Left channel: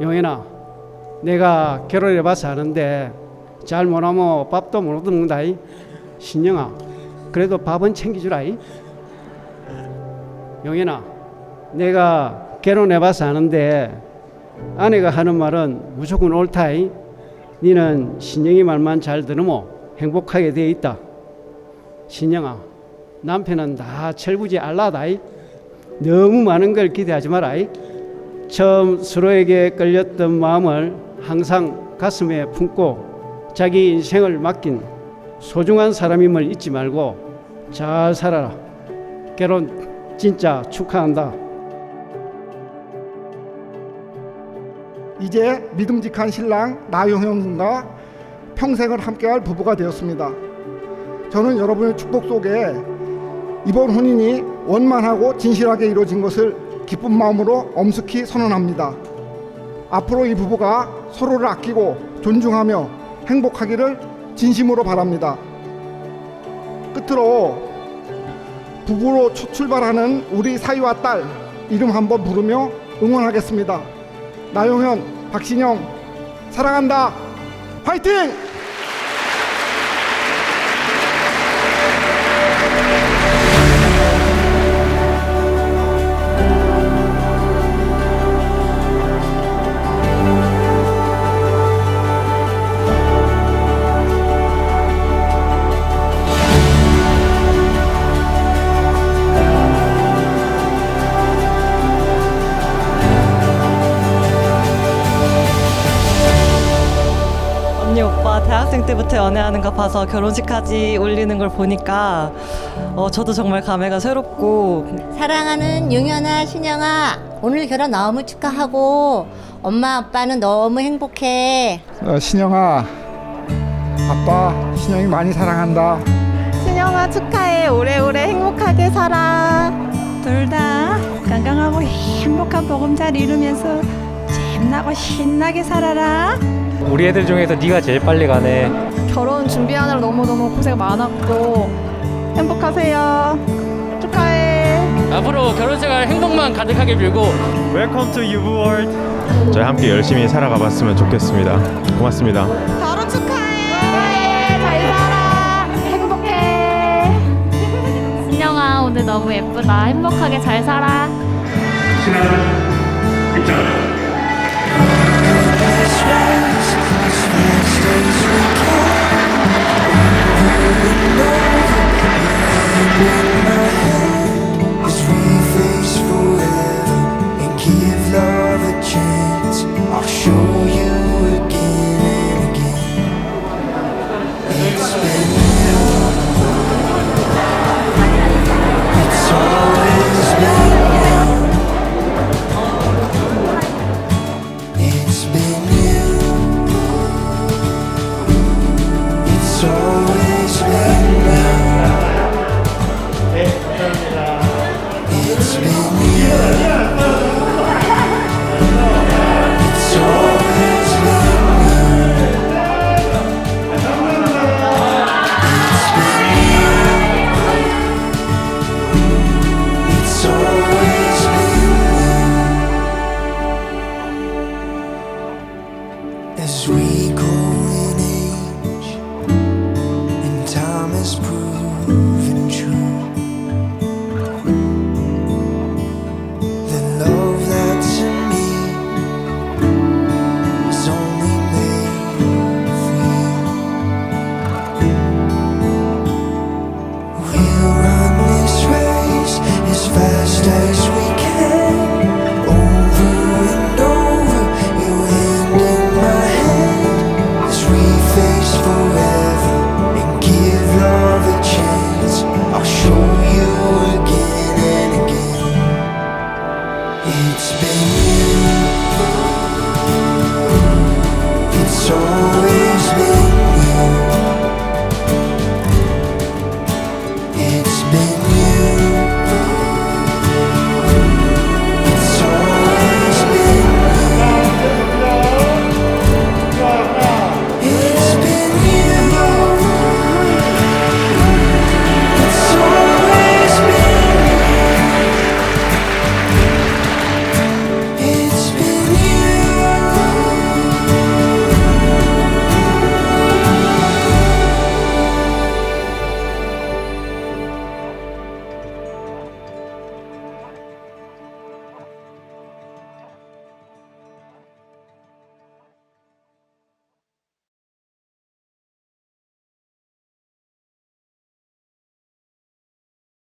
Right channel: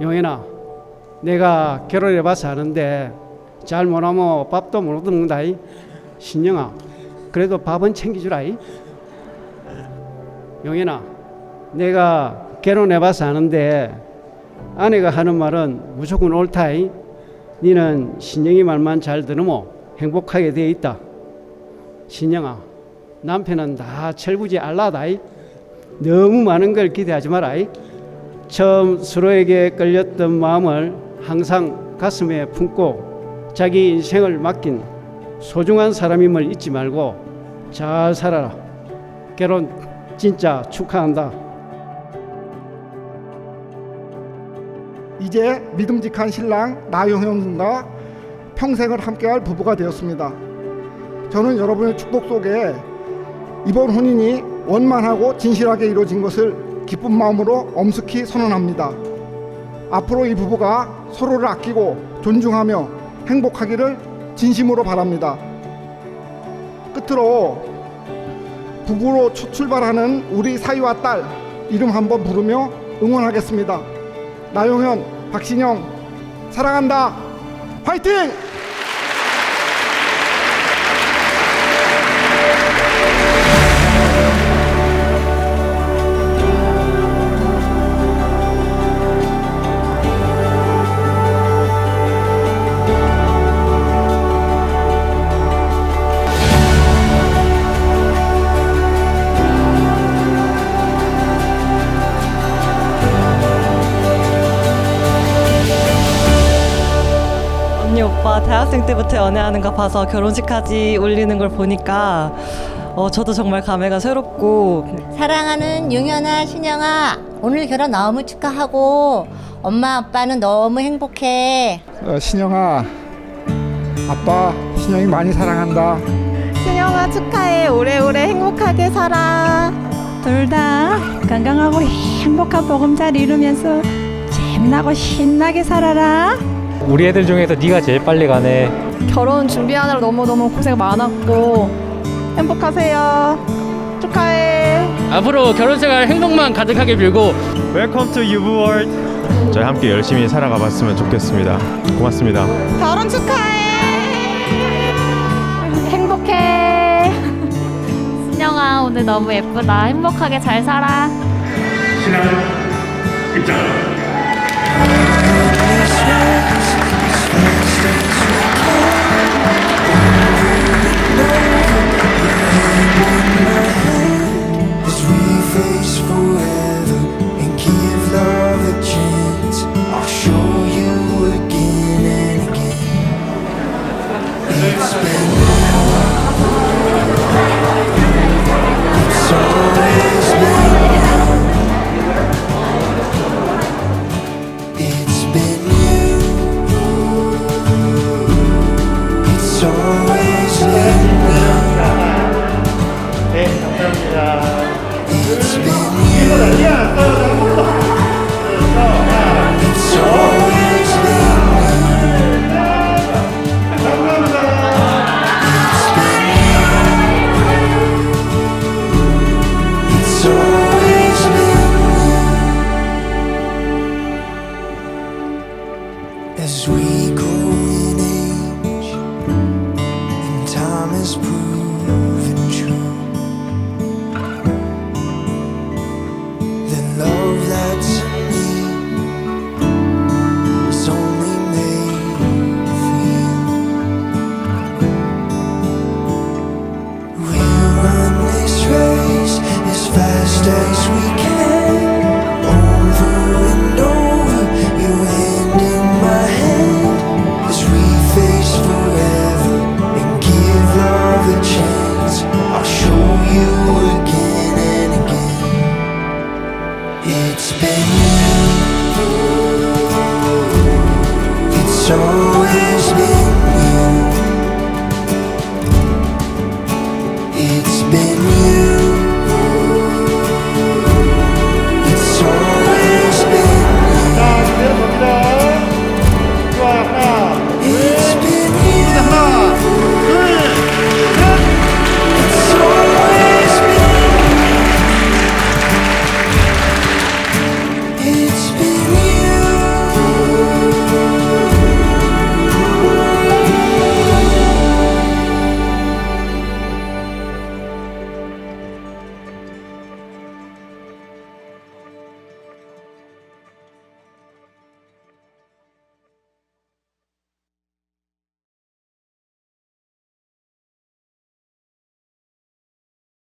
용현아, 내가 결혼해봐서 아는데 잘 못하면 밥도 못 얻는다. 이. 신영아, 그래도 밥은 챙겨주라. 이. 용현아, 내가 결혼해봐서 아는데 아내가 하는 말은 무조건 옳다. 이. 니는 신영이 말만 잘 들으면 행복하게 돼 있다. 신영아, 남편은 다 철부지 알라다. 이. 너무 많은 걸 기대하지 마라. 이. 처음 서로에게 끌렸던 마음을 항상 가슴에 품고 자기 인생을 맡긴 소중한 사람임을 잊지 말고 잘 살아라. 결혼 진짜 축하한다. 이제 믿음직한 신랑 군과 평생을 함께할 부부가 되었습니다. 저는 여러분의 축복 속에 이번 혼인이 원만하고 진실하게 이루어진 것을 기쁜 마음으로 엄숙히 선언합니다. 앞으로 이 부부가 서로를 아끼고 존중하며 행복하기를 진심으로 바랍니다. 끝으로 부부로 첫 출발하는 우리 사위와 딸 이름 한번 부르며 응원하겠습니다. 나용현, 박신영 사랑한다. 화이팅! 언니 오빠 대학생 때부터 연애하는 거 봐서 결혼식까지 올리는 걸 보니까 어, 저도 정말 감회가 새롭고 사랑하는 용현아, 신영아, 오늘 결혼 너무 축하하고 엄마 아빠는 너무 행복해. 어, 신영아, 아빠 신영이 많이 사랑한다. 신영아 축하해 오래오래 행복하게 살아 둘 다 건강하고 행복한 보금잘 이루면서 잼나고 신나게 살아라 우리 애들 중에서 네가 제일 빨리 가네. 결혼 준비하느라 너무너무 고생 많았고 행복하세요 축하해 앞으로 결혼 생활 행복만 가득하게 빌고 Welcome to 유부 월드. 저희 함께 열심히 살아가 봤으면 좋겠습니다. 고맙습니다. 결혼 축하해 잘 살아 행복해 신영아 오늘 너무 예쁘다 행복하게 잘 살아 as chance. I'll show you again and again. It's been It's always been It's been you. It's always been It's been you. As we grow in age, and time has proven true. The love that's in me is only made as we can. Over and over, you hand in my hand. As we face forever and give love a chance, I'll show you again and again. It's been you. It's always been